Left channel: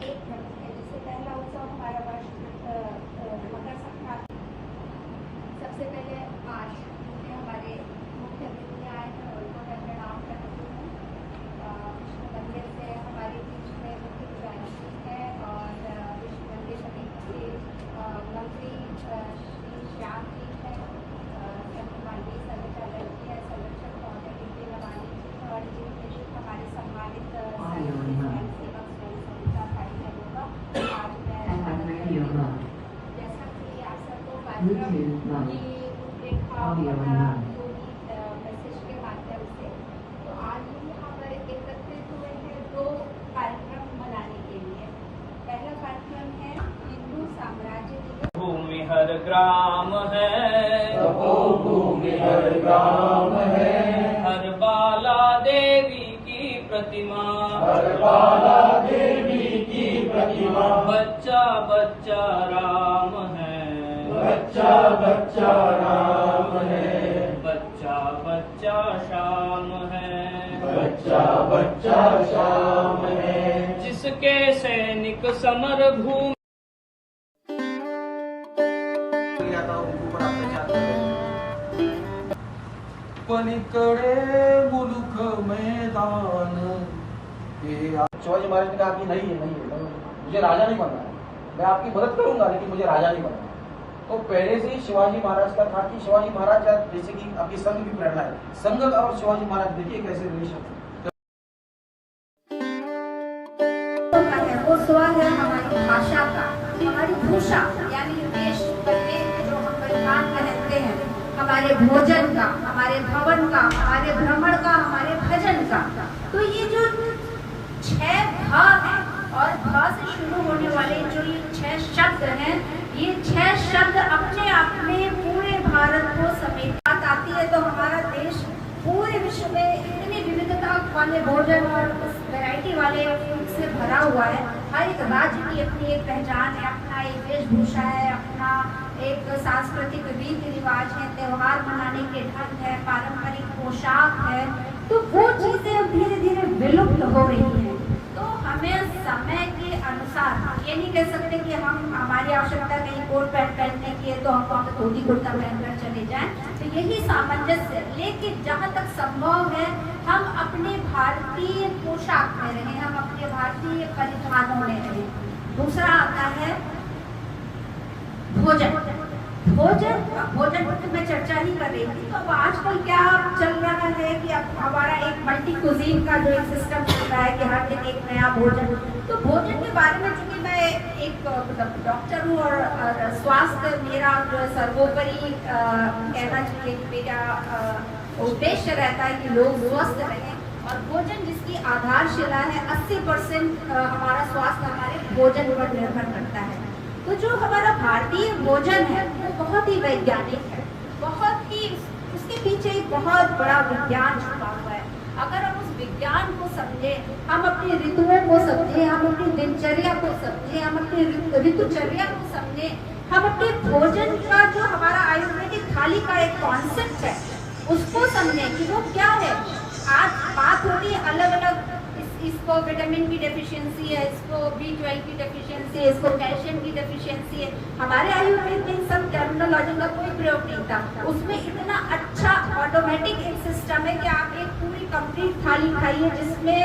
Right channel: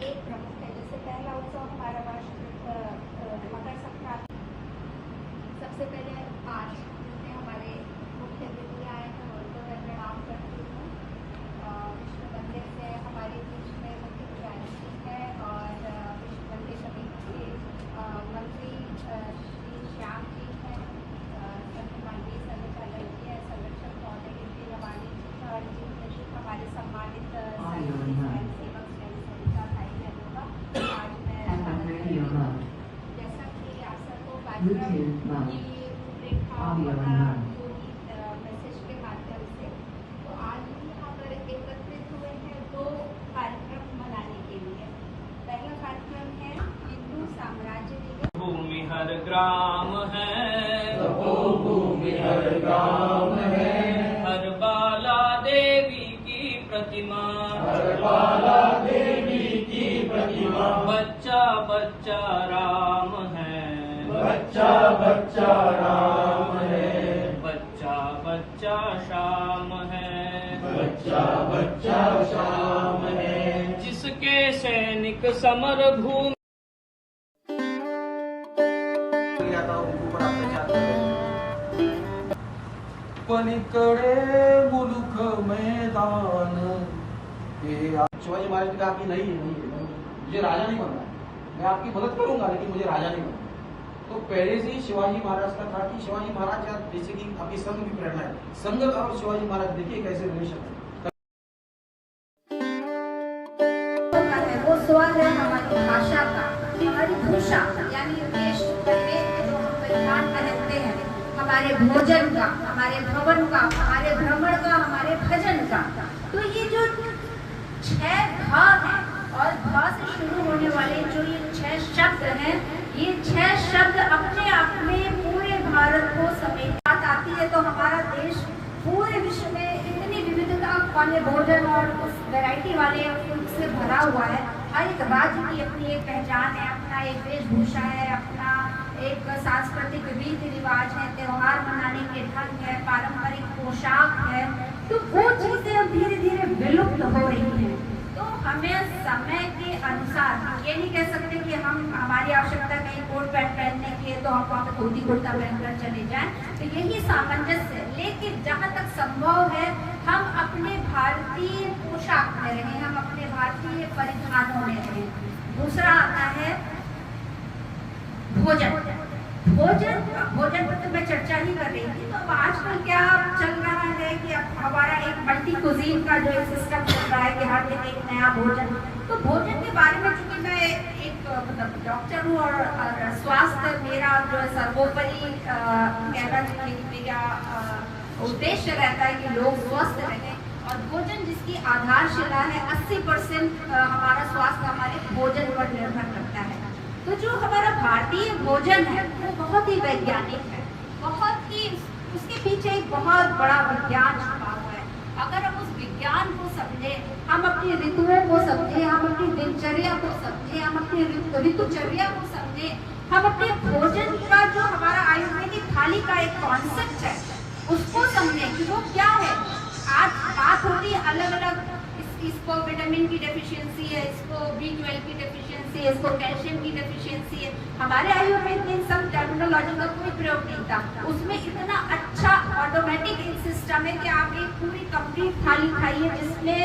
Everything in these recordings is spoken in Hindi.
एक प्रमुख है। जैसे पहला उत्सव हमारा मकर संक्रांति। सबसे पहले आज क्योंकि हमारे मुख्य अतिथि आए हैं उनको मैं प्रणाम करती हूँ। विष्णु मंदिर से हमारे बीच में मुख्य प्रधानमंत्री है और विष्णु मंदिर समिति से मंत्री श्री श्याम जी है, माननीय संचालक है संरक्षक महोदय के लवानी और जी हमारे सम्मानित सेवक संस्था भाई बहनों का आज मैं जैसा कि आप सबको कार्यक्रम की रूपरेखा पूरी मैसेज के माध्यम से तो आज हम यहाँ पर एकत्रित हुए हैं दो कार्यक्रम मनाने के लिए। पहला कार्यक्रम है हिंदू साम्राज्य दिवस। भूमि हर ग्राम है, भूमि हर ग्राम है, हर बाला देवी की प्रतिमा, हर बाला देवी की प्रतिमा, बच्चा बच्चा राम है, बच्चा बच्चा राम है, बच्चा बच्चा श्याम है, बच्चा बच्चा श्याम है, जिसके सैनिक समर भूमि पलीकडे मुलुख मैदान। शिवाजी महाराज ने कहा कि नहीं मुझे राजा नहीं बनना है, मैं आपकी मदद करूंगा लेकिन मुझे राजा नहीं बनना। तो पहले से ही शिवाजी महाराज का था कि शिवाजी महाराज या जैसे कि आपकी संघ की प्रेरणा है, संघ और शिवाजी महाराज देखिए कैसे रिलेशन है। वो स्वर है हमारी भाषा का, हमारी भूषा यानी वेश जो हम परिधान पहनते हैं, हमारे भोजन का, हमारे भवन का, हमारे भ्रमण का, हमारे भजन का। तो ये जो 6 भा है और भा से शुरू होने वाले जो ये 6 शब्द हैं, ये 6 शब्द अपने आप में पूरे भारत को समेट बात आती है। तो हमारा देश पूरे विश्व में इतनी विविधता वाले भोजन और उस वैरायटी वाले फूड से भरा हुआ है। हर एक राज्य की अपनी एक पहचान है, अपना एक वेशभूषा है, अपना एक सांस्कृतिक रीति रिवाज है, त्योहार मनाने के ढंग है, पारंपरिक पोशाक है। तो वो चीजें अब धीरे धीरे विलुप्त हो रही हैं। तो हमें समय के अनुसार ये नहीं कह सकते कि हम हमारी आवश्यकता नहीं कोट पैंट पहनने की है तो हम वहाँ धोती कुर्ता पहनकर चले जाएं। तो यही सामंजस्य है, लेकिन जहाँ तक संभव है हम अपने भारतीय पोशाक में रहें, हम अपने भारतीय परिधानों में रहें। दूसरा आता है भोजन। भोजन पर तो मैं चर्चा ही कर रही थी। तो आजकल क्या चल रहा है कि अब हमारा एक मल्टी कुजीन का जो एक सिस्टम चल रहा है कि हर दिन एक नया भोजन। तो भोजन के बारे में चूंकि मैं एक डॉक्टर हूँ और स्वास्थ्य मेरा सर्वोपरि कहना चाहिए मेरा उद्देश्य रहता है कि लोग स्वस्थ रहें और भोजन जिसकी आधारशिला है 80% हमारा स्वास्थ्य हमारे भोजन पर निर्भर करता है। तो जो हमारा भारतीय भोजन है वो बहुत ही वैज्ञानिक है, बहुत ही उसके पीछे एक बहुत बड़ा विज्ञान छुपा हुआ है। अगर हम उस विज्ञान को समझे, हम अपनी ऋतुओं को समझे, हम अपनी दिनचर्या को समझे, हम अपनी ऋतुचर्या को समझे, हम अपने भोजन का जो हमारा आयुर्वेदिक थाली का एक कॉन्सेप्ट है उसको समझे कि वो क्या है। आज बात होती है अलग अलग, इसको विटामिन की डेफिशिएंसी है, इसको B12 की डेफिशिएंसी है, इसको कैल्शियम की डेफिशिएंसी है। हमारे आयुर्वेद में सब टर्मिनोलॉजी का कोई प्रयोग नहीं था। उसमें इतना अच्छा ऑटोमेटिक एक सिस्टम है कि आप एक पूरी कंप्लीट थाली खाइए जिसमें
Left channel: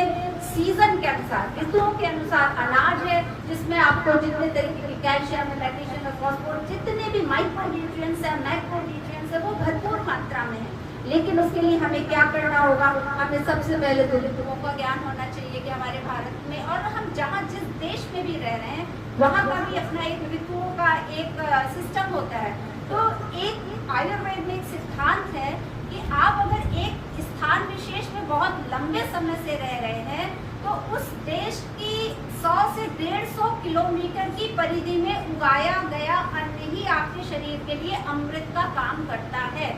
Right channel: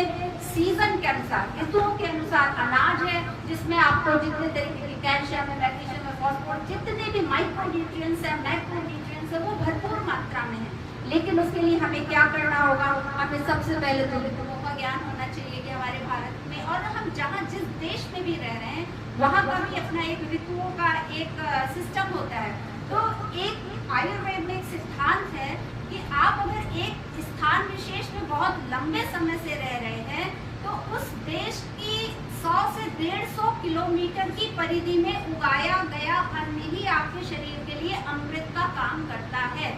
सीजन के अनुसार, ऋतुओं के अनुसार अनाज है, जिसमें आपको जितने तरीके की कैल्शियम है, मैग्नीशियम है, फॉस्फोरस, जितने भी माइक्रोन्यूट्रिएंट्स है, मैक्रोन्यूट्रिएंट्स है, वो भरपूर मात्रा में है। लेकिन उसके लिए हमें क्या करना होगा? हमें सबसे पहले तो ऋतुओं का ज्ञान होना चाहिए कि हमारे भारत में और हम जहाँ जिस देश में भी रह रहे हैं वहाँ का भी अपना एक ऋतुओं का एक सिस्टम होता है। तो एक आयुर्वेद में एक सिद्धांत है कि आप अगर एक स्थान विशेष में बहुत लंबे समय से रह रहे हैं तो उस देश की 100 से 150 किलोमीटर की परिधि में उगाया गया अन्न ही आपके शरीर के लिए अमृत का काम करता है।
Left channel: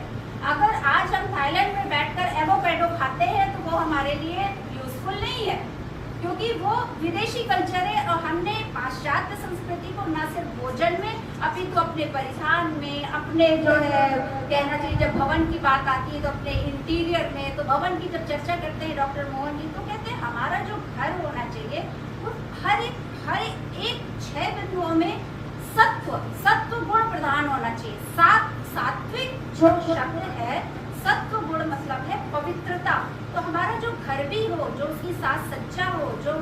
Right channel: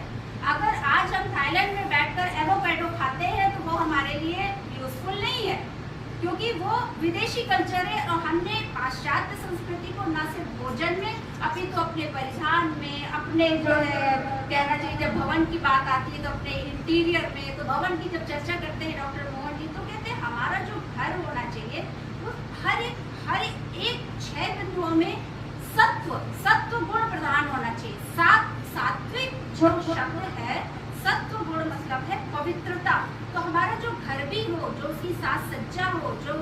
अगर आज हम थाईलैंड में बैठकर एवोकाडो खाते हैं तो वो हमारे लिए यूजफुल नहीं है, क्योंकि वो विदेशी कल्चर है और हमने पाश्चात्य संस्कृति को न सिर्फ भोजन में अपितु तो अपने परिधान में, अपने जो है कहना चाहिए, जब भवन की बात आती है तो अपने इंटीरियर में, तो भवन की जब चर्चा करते हैं डॉक्टर मोहन जी तो कहते हैं हमारा जो घर होना चाहिए वो हर एक 6 बिंदुओं में सत्व गुण प्रधान होना चाहिए। सात्विक जो शब्द है, सत्व गुण मतलब है पवित्रता। तो हमारा जो घर भी हो, जो उसकी साज सज्जा हो, जो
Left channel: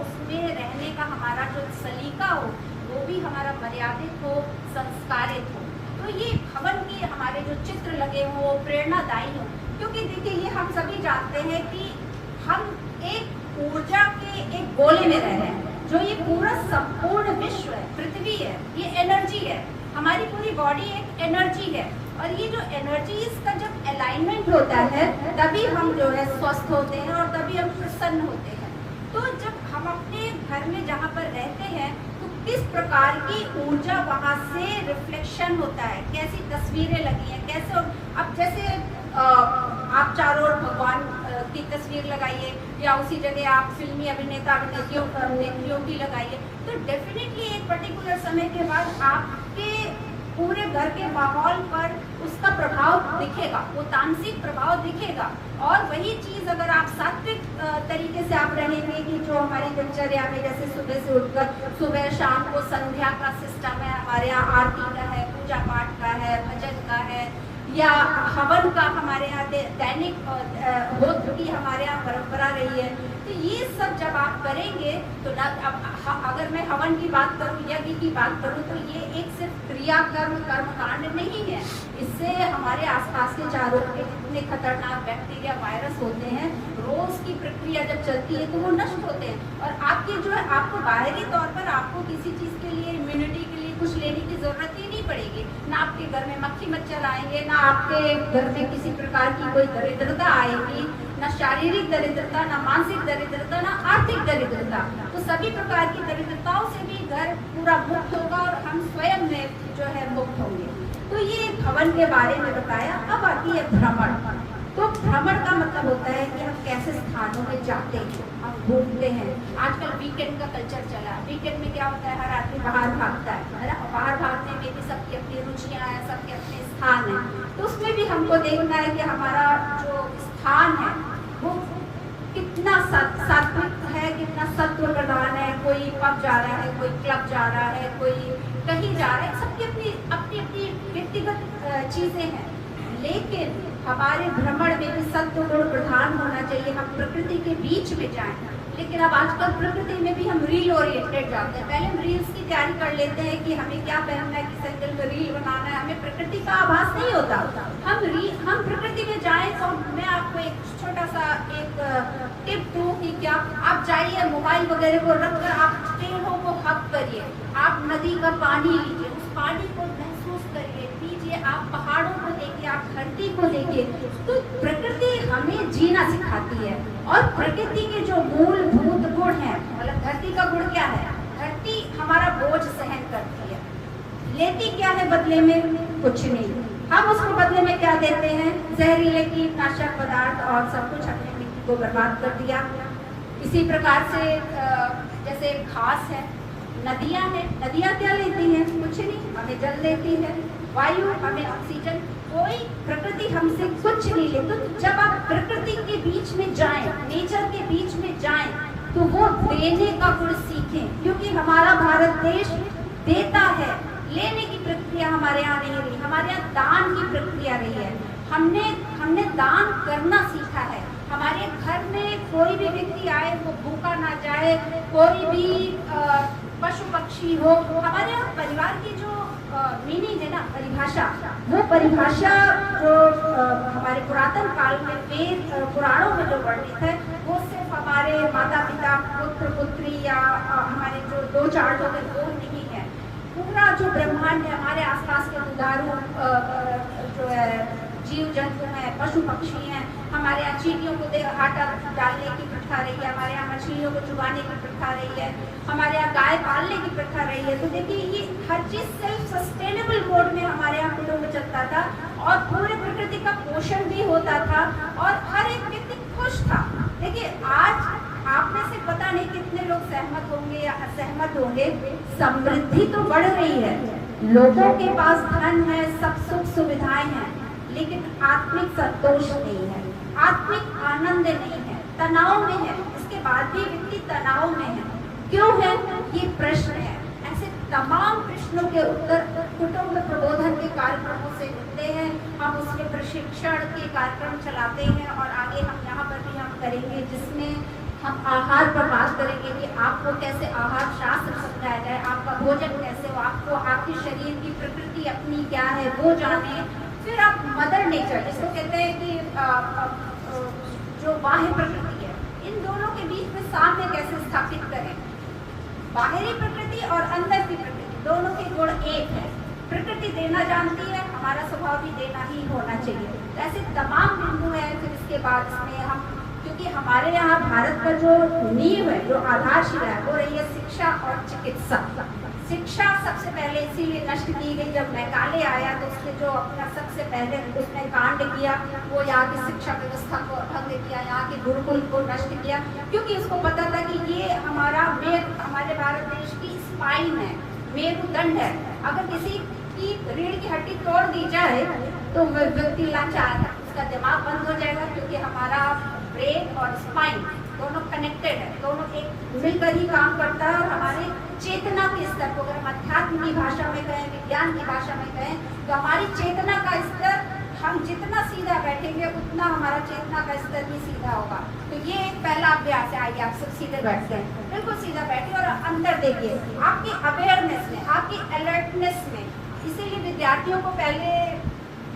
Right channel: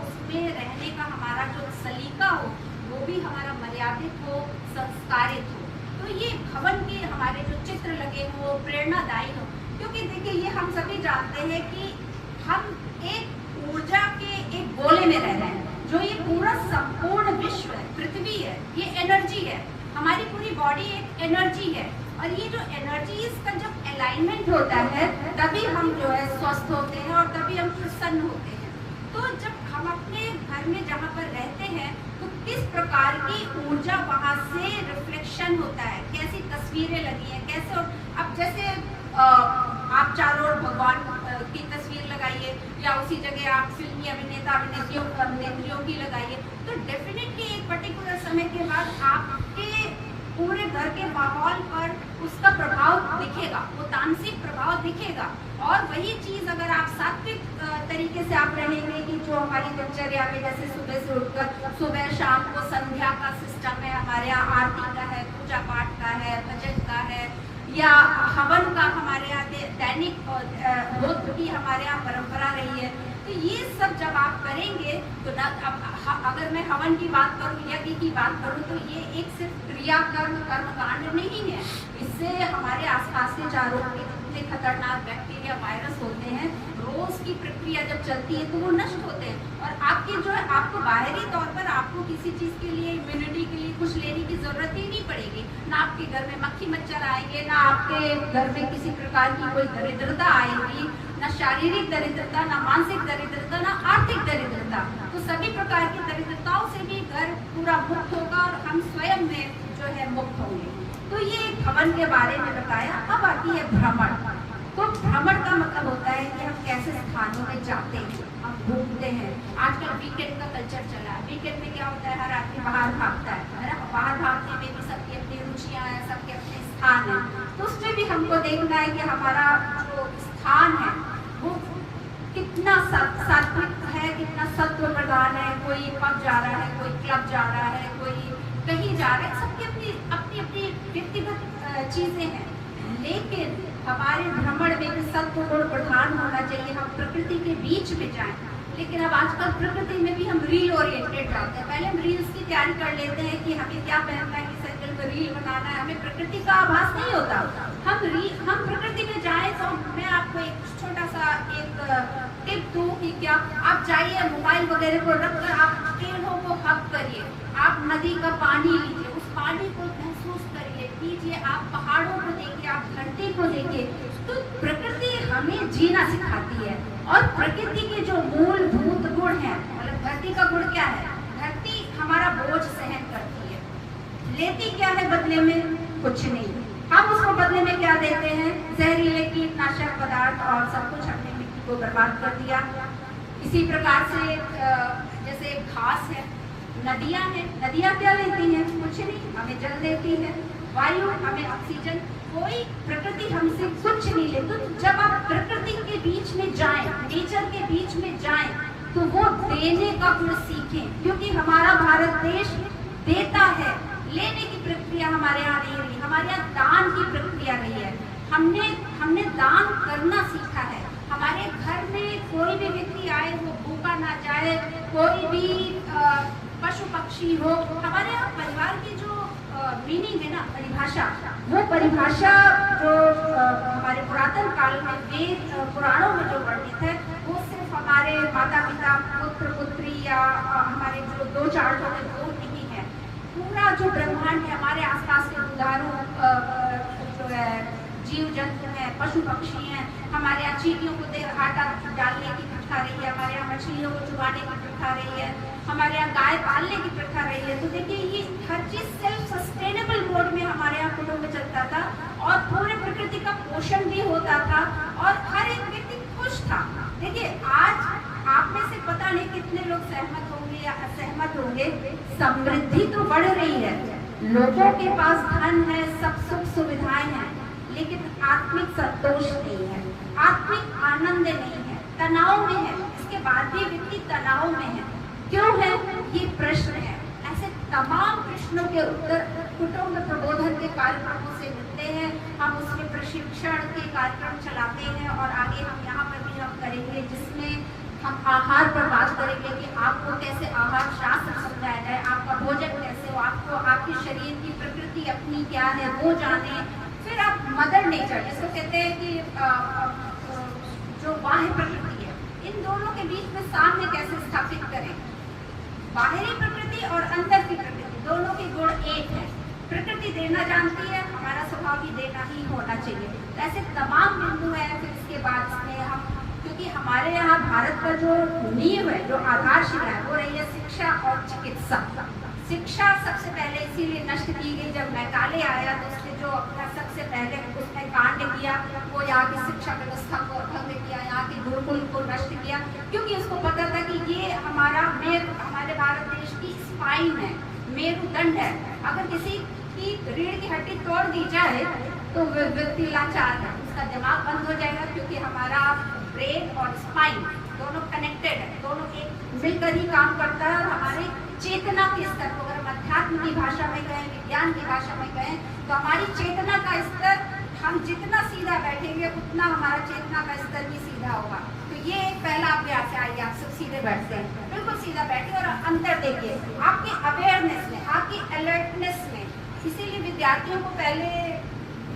उसमें रहने का हमारा जो सलीका हो, वो भी हमारा मर्यादित हो, संस्कारित हो। तो ये भवन के हमारे जो चित्र लगे हो, प्रेरणादायी हो। क्योंकि देखिए, ये हम सभी जानते हैं कि हम एक ऊर्जा के एक गोले में रह रहे हैं। जो ये पूरा संपूर्ण विश्व है, पृथ्वी है, ये एनर्जी है। हमारी पूरी बॉडी एक एनर्जी है, और ये जो एनर्जीज का जब अलाइनमेंट होता है, तभी हम जो है स्वस्थ होते हैं और तभी हम प्रसन्न होते हैं। तो जब हम अपने घर में जहाँ पर रहते हैं, तो किस प्रकार की ऊर्जा वहाँ से रिफ्लेक्शन होता है, कैसी तस्वीरें लगी हैं, कैसे। अब जैसे आप चारों ओर भगवान की तस्वीर लगाइए, या उसी जगह आप फिल्मी अभिनेता अभिनेत्रियों की लगाइए, तो डेफिनेटली एक पर्टिकुलर समय के बाद आपके पूरे घर के माहौल पर उसका प्रभाव दिखेगा, वो तामसिक प्रभाव दिखेगा। और वही चीज अगर आप सात्विक तरीके से आप रहेंगे कि जो हमारी दिनचर्या में, जैसे सुबह से उठकर सुबह शाम को संध्या का सिस्टम है, हमारे यहाँ आरती का है, पूजा पाठ का है, भजन का है, या हवन का हमारे यहाँ दैनिक होत की हमारे यहाँ परंपरा रही है। तो ये सब जब आप करेंगे तो अगर मैं हवन की बात करूँ, यज्ञ की बात करूँ, तो ये एक सिर्फ क्रिया कर्मकांड नहीं है। इससे हमारे आसपास के चारों के जितने खतरनाक बैक्टीरिया, वायरस होते हैं, रोज की प्रक्रिया जब चलती है तो वो नष्ट होते हैं। और आपकी जो है, आपको बाहरी तौर पर आपको किसी चीज के लिए, इम्यूनिटी के लिए कुछ लेने की जरूरत ही नहीं पड़ेगी। ना आपके घर में मक्खी मच्छर आएंगे, ना आपके घर में किसी प्रकार की कोई दरिद्रता आएगी, ना शारीरिक दरिद्रता, ना मानसिक दरिद्रता, ना आर्थिक दरिद्रता। तो सभी प्रकार की दरिद्रताओं से भी घर पूरा मुक्त होगा और हम स्वयं में जो है मुक्त होंगे। तो ये भवन के बारे में बताया। अब आती है भ्रमण। तो भ्रमण का मतलब होता है कि हम कैसे स्थानों में जाते हैं, हम घूमते हैं। आजकल वीकेंड का कल्चर चला है। वीकेंड में क्या होता है, हर आदमी बाहर भागता है ना। बाहर भागने में भी सबकी अपनी रुचियां हैं, सबके अपने स्थान हैं। तो उसमें भी हमको देखना है कि हमारा जो स्थान है वो कितना सात्विक है, कितना सत्व प्रधान है। कोई पब जा रहा है, कोई क्लब जा रहा है, कोई कहीं जा रहा है, सबकी अपनी अपनी व्यक्तिगत चीजें हैं। लेकिन हमारे भ्रमण में भी सत्व गुण प्रधान होना चाहिए। हम प्रकृति के बीच में जाएं। लेकिन अब आजकल प्रकृति में भी हम रील ओरिएंटेड जाते हैं। पहले हम रील्स की तैयारी कर लेते हैं कि हमें क्या पहनना है, किस एंगल में रील बनाना है, हमें प्रकृति का आभास नहीं होता। हम प्रकृति में जाएं तो मैं आपको एक छोटा सा एक टिप दूं कि क्या आप जाइए, मोबाइल वगैरह को रखकर आप पेड़ों को हक करिए, आप नदी का पानी लीजिए, उस पानी को महसूस करिए, कीजिए, आप पहाड़ों को देखिए, आप धरती को देखिए। तो प्रकृति हमें जीना सिखाती है। और प्रकृति के जो मूलभूत गुण हैं, मतलब धरती का गुण क्या है, धरती हमारा बोझ सहन करती है, लेती क्या है बदले में, कुछ नहीं। हम उसको बदले में क्या देते हैं, जहरीले कीटनाशक पदार्थ और सब कुछ अपनी मिट्टी को बर्बाद कर दिया। इसी प्रकार से जैसे घास है, नदियां हैं, नदियां क्या लेती हैं, कुछ नहीं, हमें जल लेती है, वायु हमें ऑक्सीजन, कोई प्रकृति हमसे कुछ नहीं लेती। तो जब आप प्रकृति के बीच में जाएं, नेचर के बीच में जाएं, तो वो देने का गुण सीखें। क्योंकि हमारा भारत देश देता है, लेने की प्रक्रिया हमारे यहाँ नहीं रही, हमारे यहाँ दान की प्रक्रिया रही है। हमने दान करना सीखा है। हमारे घर में कोई भी व्यक्ति आए वो भूखा ना जाए, कोई भी पशु पक्षी हो। हमारे यहाँ परिवार की जो मीनिंग है ना, परिभाषा, वो परिभाषा जो हमारे पुरातन काल में वेद पुराणों में जो वर्णित है, वो सिर्फ हमारे माता पिता, पुत्र पुत्री या हमारे जो 2-4 लोग हैं वो नहीं है। पूरा जो ब्रह्मांड है, हमारे आसपास के दुधारू जो है जीव जंतु हैं, पशु पक्षी हैं। हमारे यहाँ चींटियों को आटा डालने की प्रथा रही है, हमारे यहाँ मछलियों को चुबाने की प्रथा रही है, हमारे यहाँ गाय पालने की प्रथा रही है। तो देखिए, ये हर चीज सेल्फ सस्टेनेबल मोड में हमारे यहाँ कुटुंब में चलता था, और पूरे प्रकृति का पोषण भी होता था, और हर एक व्यक्ति खुश था। देखिए, आज आप में से पता नहीं कितने लोग सहमत होंगे या असहमत होंगे, समृद्धि तो बढ़ रही है, लोगों के पास धन है, सब सुख सुविधाएं हैं, लेकिन आत्मिक संतोष नहीं है, आत्मिक आनंद नहीं है, तनाव में है। इसके बाद भी व्यक्ति तनाव में है। क्यों है, ये प्रश्न है। ऐसे तमाम प्रश्नों के उत्तर कुटुंब प्रबोधन के कार्यक्रमों से मिलते हैं। हम उसके प्रशिक्षण के कार्यक्रम चलाते हैं और आगे हम यहाँ पर भी हम करेंगे, जिसमें हम आहार पर बात करेंगे कि आपको कैसे आहार शास्त्र समझाया जाए, आपका भोजन कैसे हो, आपको आपके शरीर की प्रकृति अपनी क्या है वो जाने। फिर आप मदर नेचर जिसको कहते हैं कि जो बाह्य प्रकृति है, इन दोनों के बीच में साम्य कैसे स्थापित करें। बाहरी प्रकृति और अंदर की प्रकृति दोनों के गुण एक है। प्रकृति देना जानती है, हमारा स्वभाव भी देना ही होना चाहिए। तो ऐसे तमाम बिंदु हैं। फिर इसके बाद इसमें हम, क्योंकि हमारे यहाँ भारत का जो नींव है, जो आधारशिला है, वो रही है शिक्षा और चिकित्सा। शिक्षा सबसे पहले इसीलिए नष्ट की गई, जब मैकाले आया तो उसने जो अपना सबसे पहले उसने कांड किया वो यहाँ की शिक्षा व्यवस्था को भंग किया, यहाँ के गुरुकुल को नष्ट किया, क्योंकि उसको पता था कि ये हमारे भारत देश की स्पाइन है, मेरुदंड है। अगर किसी की रीढ़ की हड्डी तोड़ दी जाए तो व्यक्ति लाचार है, उसका दिमाग बंद हो जाएगा, क्योंकि हमारा ब्रेन और स्पाइन दोनों कनेक्टेड है, दोनों एक मिलकर ही काम करता है। और हमारे चेतना के स्तर को अगर हम अध्यात्म की भाषा में कहें, विज्ञान की भाषा में कहें, तो हमारी चेतना का स्तर, हम जितना सीधा बैठेंगे उतना हमारा चेतना का स्तर भी सीधा होगा। तो ये एक पहला अभ्यास है। आइए आप सब सीधे बैठते हैं, बिल्कुल सीधा बैठिए और अंदर देखिए आपकी अवेयरनेस में, आपकी अलर्टनेस में। इसीलिए विद्यार्थियों को पहले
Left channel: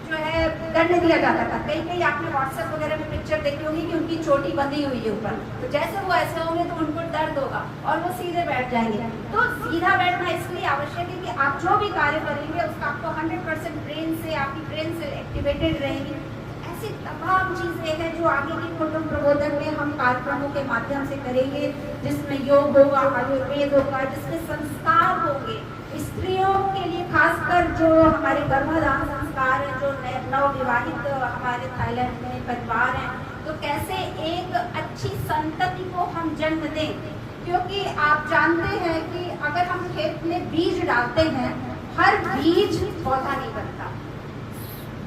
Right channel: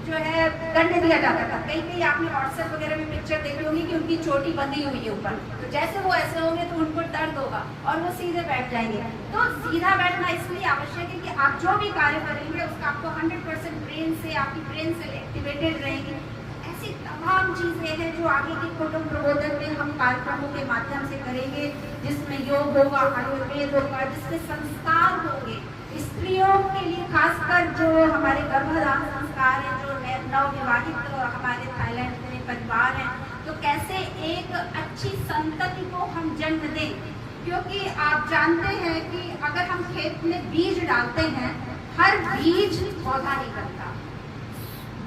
जो है दंड दिया जाता था। कई आपने व्हाट्सएप वगैरह में पिक्चर देखी होगी कि उनकी चोटी बंधी हुई है ऊपर, तो जैसे वो ऐसे होंगे तो उनको दर्द होगा और वो सीधे बैठ जाएंगे। तो सीधा बैठना इसलिए आवश्यक है कि आप जो भी कार्य करेंगे उसका आपको 100% ब्रेन से, आपकी ब्रेन से एक्टिवेटेड रहेंगे। ऐसी तमाम चीजें हैं जो आगे के कुटुंब प्रबोधन में हम कार्यक्रमों के माध्यम से करेंगे, जिसमें योग होगा, आयुर्वेद होगा, जिसमें संस्कार होंगे स्त्रियों के लिए, खासकर जो हमारे गर्भाधान संस्कार हैं, जो नवविवाहित हमारे थाईलैंड में परिवार हैं, तो कैसे एक अच्छी संतति को हम जन्म दें। क्योंकि आप जानते हैं कि अगर हम खेत में बीज डालते हैं, हर बीज पौधा नहीं बनता।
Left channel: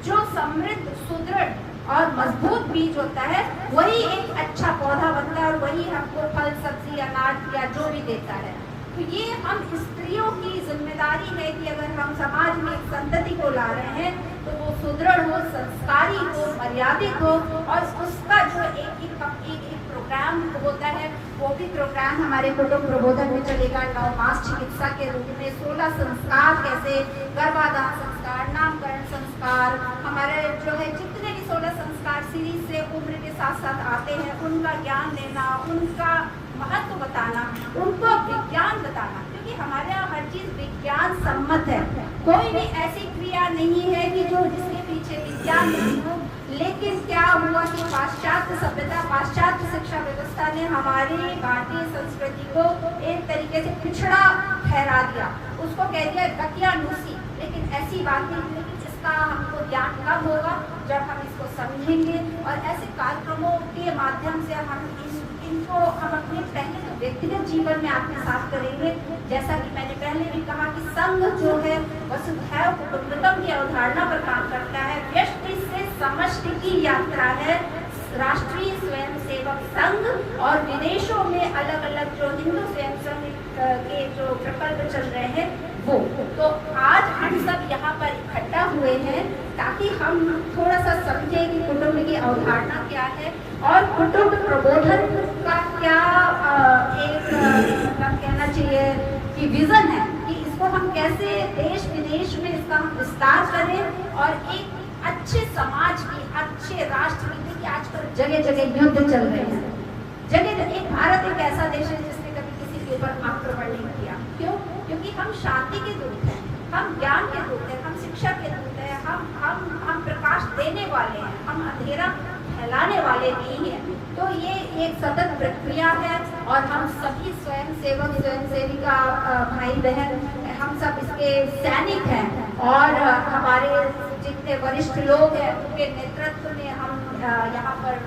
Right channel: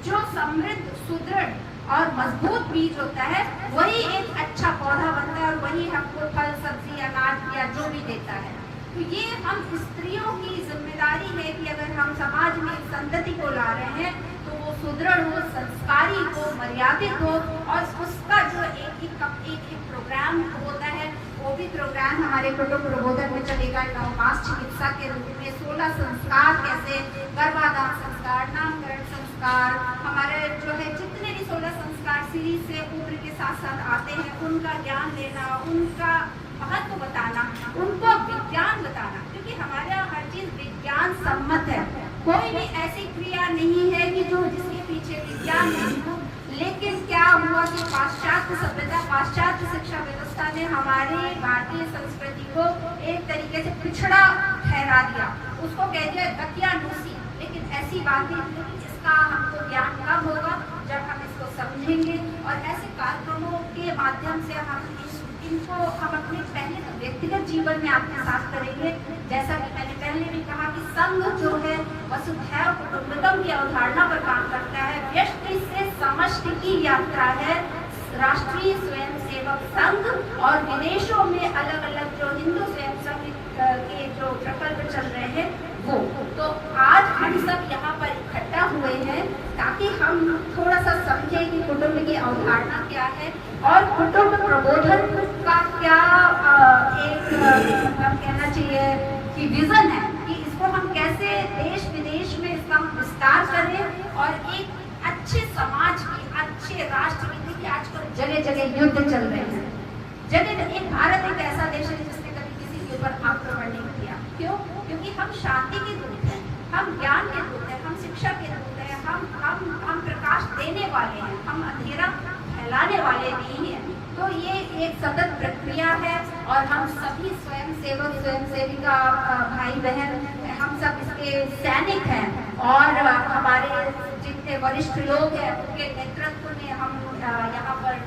जो समृद्ध, सुदृढ़ और मजबूत बीज होता है वही एक अच्छा पौधा बनता है और वही हमको फल, सब्जी, अनाज या जो भी देता है। तो ये हम स्त्रियों की जिम्मेदारी है कि अगर हम समाज में संतति को ला रहे हैं तो वो सुदृढ़ हो, संस्कारी हो, मर्यादित हो। और उसका जो एक प्रोग्राम होता है, वो भी प्रोग्राम हमारे कुटुंब प्रबोधन में चलेगा। 9 मास चिकित्सा के रूप में 16 संस्कार, कैसे गर्भाधान संस्कार, नामकरण संस्कार, हमारे जो है जितने भी 16 संस्कार सीरीज से उम्र के साथ साथ आते हैं, उनका ज्ञान देना, उनका महत्व बताना, उनको विज्ञान बताना, क्योंकि हमारे यहाँ हर चीज विज्ञान सम्मत है। कोई भी ऐसी क्रिया नहीं है कि जो जिसके पीछे विज्ञान नहीं हो। लेकिन क्या हुआ कि पाश्चात्य सभ्यता, पाश्चात्य शिक्षा व्यवस्था ने हमारे भारतीय संस्कृति को एक तरीके से पिछड़ा ठहरा दिया, उसको कह दिया दकियानुसी। लेकिन ऐसी बात नहीं, इसका हमको ज्ञान कब होगा जब हम इसको समझेंगे। और ऐसे कार्यक्रमों के माध्यम से हम इनको हम अपने पहले तो व्यक्तिगत जीवन में आपके साथ करेंगे। जैसा कि मैंने पहले भी कहा कि संघ जो है वसुधैव कुटुंबकम की अवधारणा पर काम करता है। व्यष्टि से समष्टि की यात्रा है। राष्ट्रीय स्वयंसेवक संघ और विदेशों में अलग अलग जो हिंदू स्वयं संघ के जो प्रकल्प चल रहे हैं वो। तो आज हम सब यहाँ पर इकट्ठा हुए हैं ताकि हम थोड़ा सा समझें कि कुटुंब की अवधारणा क्या है और कुटुंब प्रबोधन का क्या एक कहना चाहिए कि विजन है, कि इसको हम कैसे देश विदेश में इसका हम विस्तार करें और एक अच्छे समाज की, अच्छे राष्ट्र की। देखिए आजकल जगह जगह युद्ध चल रहे हैं, जगह। एक भारत एक ऐसा देश है जिसने कभी किसी के ऊपर आक्रमण नहीं किया। क्यों? क्योंकि हम शांति के दूत हैं, हम ज्ञान के दूत हैं, हम शिक्षा के दूत हैं, हम प्रकाश देने वाले हैं, हम अंधेरा फैलाने वाले नहीं हैं। तो ये एक सतत प्रक्रिया है और हम सभी स्वयं सेवक, स्वयं सेविका, भाई बहन, हम सब इसके सैनिक हैं। और हमारे जितने वरिष्ठ लोग हैं उनके नेतृत्व में हम यहाँ पर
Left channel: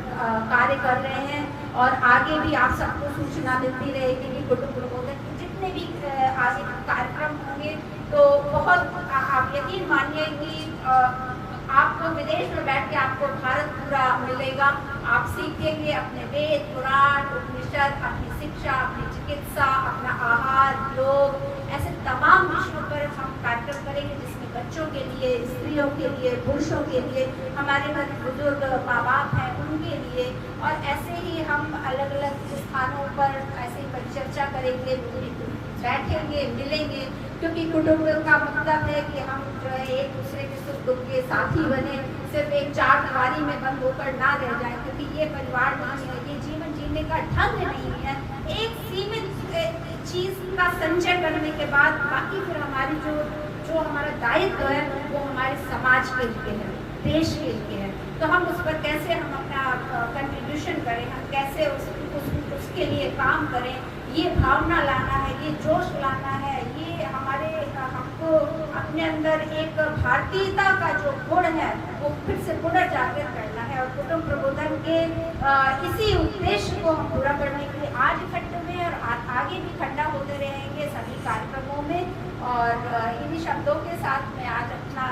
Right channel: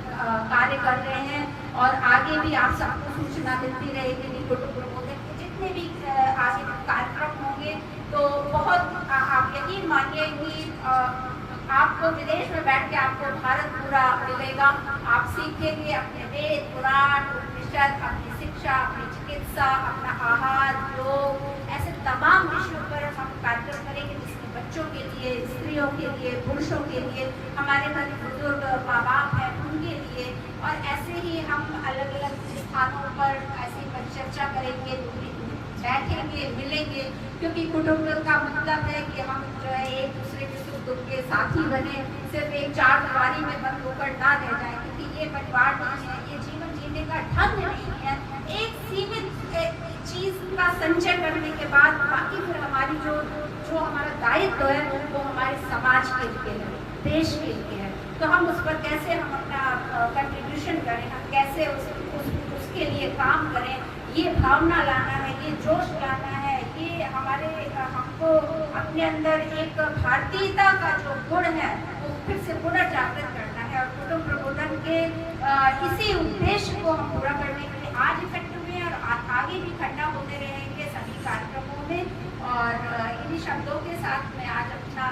कार्य कर रहे हैं और आगे भी आप सबको सूचना देती रहेगी कि कुटुंब प्रबोधन के जितने भी आगे कार्यक्रम होंगे। तो बहुत आप यकीन मानिए कि आपको विदेश में बैठ के आपको भारत पूरा मिलेगा। आप सीखेंगे अपने वेद पुराण उपनिषद, अपनी शिक्षा, अपनी चिकित्सा, अपना आहार, योग, ऐसे तमाम विषयों पर हम कार्यक्रम करेंगे जिसमें बच्चों के लिए, स्त्रियों के लिए, पुरुषों के लिए, हमारे घर बुजुर्ग माँ बाप हैं उनके लिए, और ऐसे ही हम अलग अलग स्थानों पर ऐसे ही परिचर्चा करेंगे, बैठेंगे, मिलेंगे, क्योंकि कुटुंब का मतलब है कि हम जो है एक दूसरे के सुख दुख के साथी बने, सिर्फ एक चार दीवारी में बंद होकर ना रह जाए, क्योंकि ये परिवार नहीं है, ये जीवन जीने का ढंग नहीं है। एक सीमित चीज का संचय करने के बाद बाकी फिर हमारी जो हमारा दायित्व है वो हमारे समाज के लिए है, देश के लिए है। तो हम उस पर कैसे हम अपना कंट्रीब्यूशन करें, हम कैसे उसके लिए काम करें, ये भावना लाना है, ये जोश लाना है, ये हमारे हमको अपने अंदर एक भारतीयता का जो गुण है वो फिर से पुनर्जागृत करना है। और कुटुंब प्रबोधन के इसी उद्देश्य को हम पूरा करने के लिए आज इकट्ठे हुए और आगे भी इकट्ठा होते रहेंगे सभी कार्यक्रमों में। और इन्हीं शब्दों के साथ मैं आज अपना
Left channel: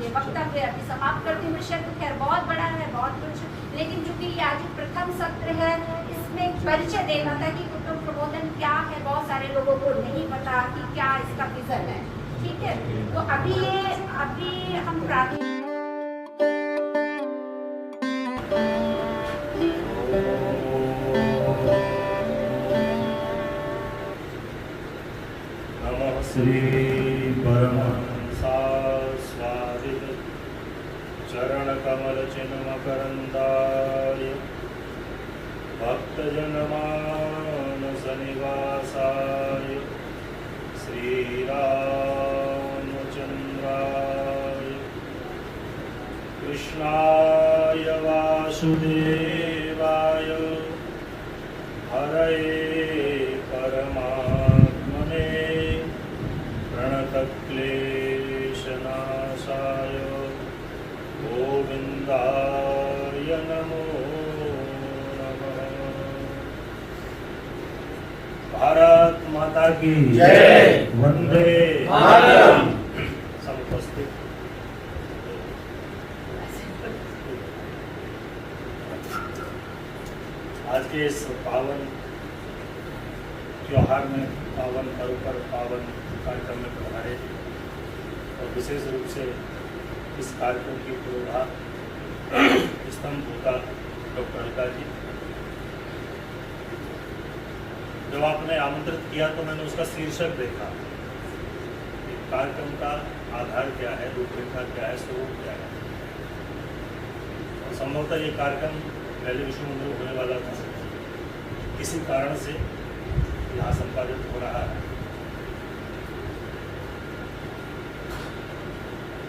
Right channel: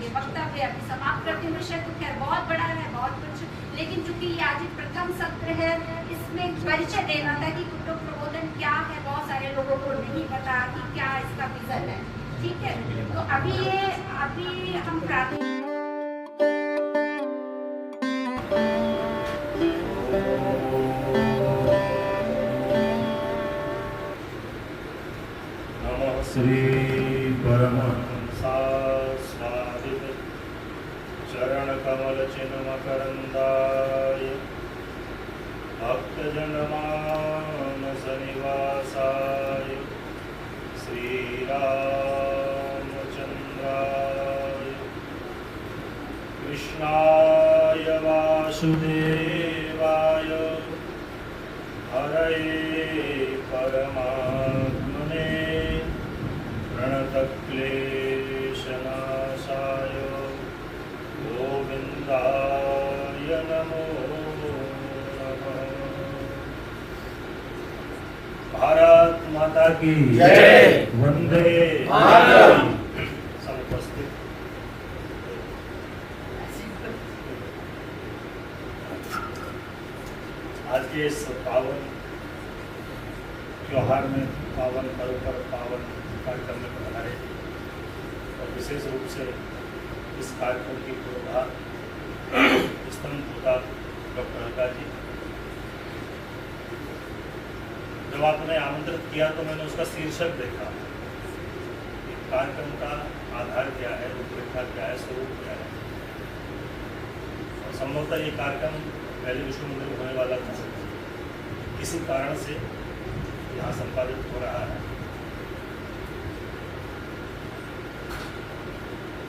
ये वक्तव्य अभी समाप्त करती हूँ। विषय तो खैर बहुत बड़ा है, बहुत कुछ, लेकिन चूंकि ये आज प्रथम सत्र है, इसमें परिचय देना था कि कुटुंब प्रबोधन क्या है, बहुत सारे लोगों को नहीं पता कि क्या इसका विजन है। ठीक है, तो अभी हम श्री परमहंसा स्वादित चरण कमल चिन्ह मकरंदाय भक्तजन मानस निवासाय श्री रामचंद्राय कृष्णाय वासुदेवाय हरये परमात्मने प्रणतक्लेशनाशाय गोविन्दाय नमो नमः। भारत माता की जय। वंदे मातरम। सब उपस्थित आज के इस पावन त्योहार में, पावन पर्व पर पावन कार्यक्रम में बनाए, और विशेष रूप से इस कार्यक्रम की पूर्वाधार स्तंभता डॉक्टर लता जी। जब आपने आमंत्रित किया तो मैंने उसका शीर्षक देखा, कार्यक्रम का आधार क्या है, रूपरेखा क्या है, स्वरूप क्या है। और संभवतः ये कार्यक्रम पहले विश्व मंदिर होने वाला था, किसी कारण से यहाँ संपादित हो रहा है।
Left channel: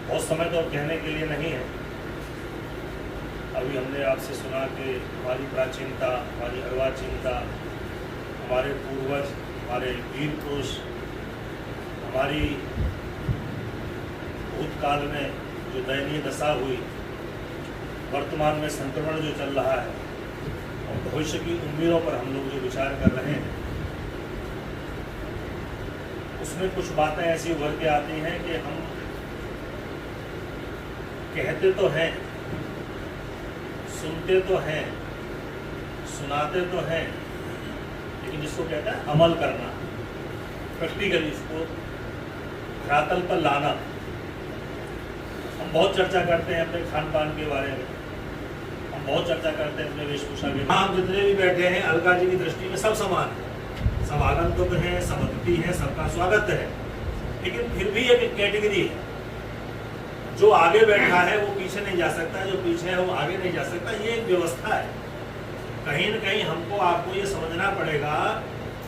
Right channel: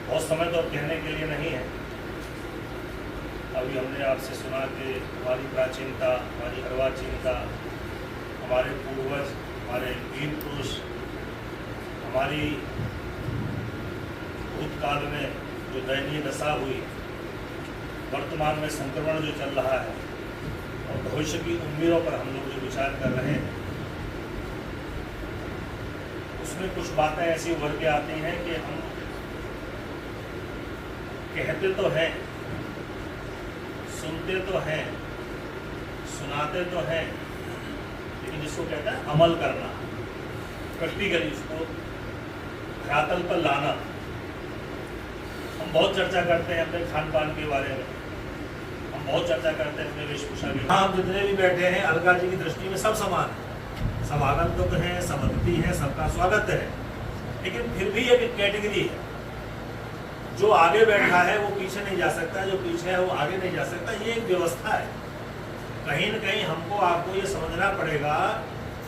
बहुत समय तो अब कहने के लिए नहीं है। अभी हमने आपसे सुना कि हमारी प्राचीनता, हमारी अर्वाचीनता, हमारे पूर्वज, हमारे वीर पुरुष, हमारी भूतकाल में जो दयनीय दशा हुई, वर्तमान में संक्रमण जो चल रहा है, और भविष्य की उम्मीदों पर हम लोग जो विचार कर रहे हैं, उसमें कुछ बातें ऐसी उभर के आती हैं कि हम कहते तो हैं, सुनते तो हैं, सुनाते तो हैं, लेकिन जिसको कहते हैं अमल करना, प्रैक्टिकली इसको धरातल पर लाना। हम बहुत चर्चा करते हैं अपने खान पान के बारे में, हम बहुत चर्चा करते हैं अपने वेशभूषा के बारे में। आप जितने भी बैठे हैं अलका जी की दृष्टि में सब समान है, सब आगंतुक हैं, सब अतिथि हैं, सबका स्वागत है, लेकिन फिर भी एक कैटेगरी है। जो आगे बैठा है वो पीछे नहीं जा सकता, जो पीछे है वो आगे नहीं जा सकता। ये एक व्यवस्था है। कहीं न कहीं हमको आपको ये समझना पड़ेगा,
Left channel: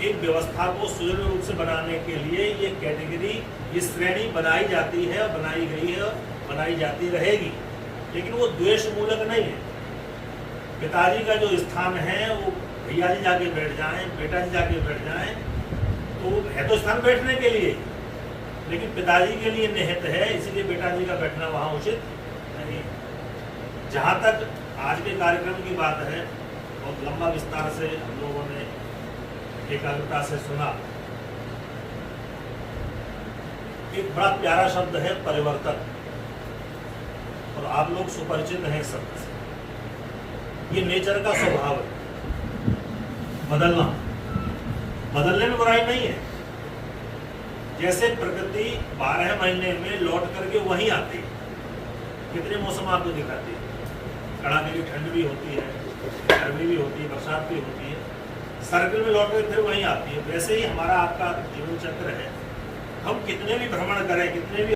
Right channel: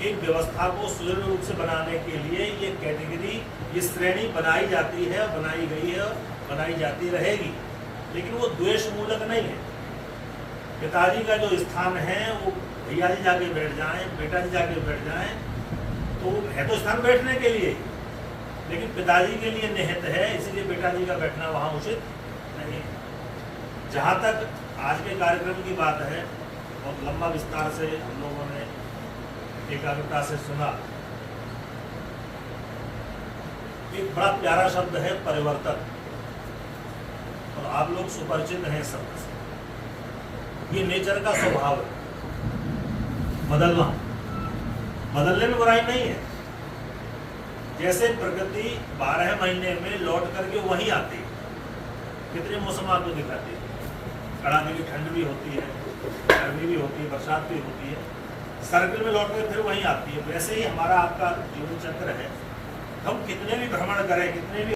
एक व्यवस्था को सुदृढ़ रूप से बनाने के लिए ये कैटेगरी, ये श्रेणी बनाई जाती है और बनाई गई है और बनाई जाती रहेगी, लेकिन वो द्वेष मूलक नहीं है। पिताजी का जो स्थान है वो भैया जी जाके बैठ जाएं, बेटा जी जाके बैठ जाएं, तो है तो स्थान बैठने के लिए, लेकिन पिताजी के लिए निहित है, इसलिए बेटा जी का बैठना वहाँ उचित नहीं। जहाँ तक आज के कार्यक्रम की बात है, बहुत लंबा विस्तार से हम लोगों ने एकाग्रता से सुना। एक बड़ा प्यारा शब्द है परिवर्तन, और आप लोग सुपरिचित हैं शब्द से। ये नेचर का स्वभाव है, बदलना। बदलने में बुराई नहीं है। जैसे प्रकृति 12 महीने में लौट करके वहीं आती है। कितने मौसम आपको दिखाते हैं, कड़ाके की ठंड भी होती है, गर्मी भी होती है, बरसात भी होती है, सर्कल में लौट कर फिर वहीं आती है। वैसे ही हमारा आपका जीवन चक्र है। हम कितने भी भ्रमण करें, कितने भी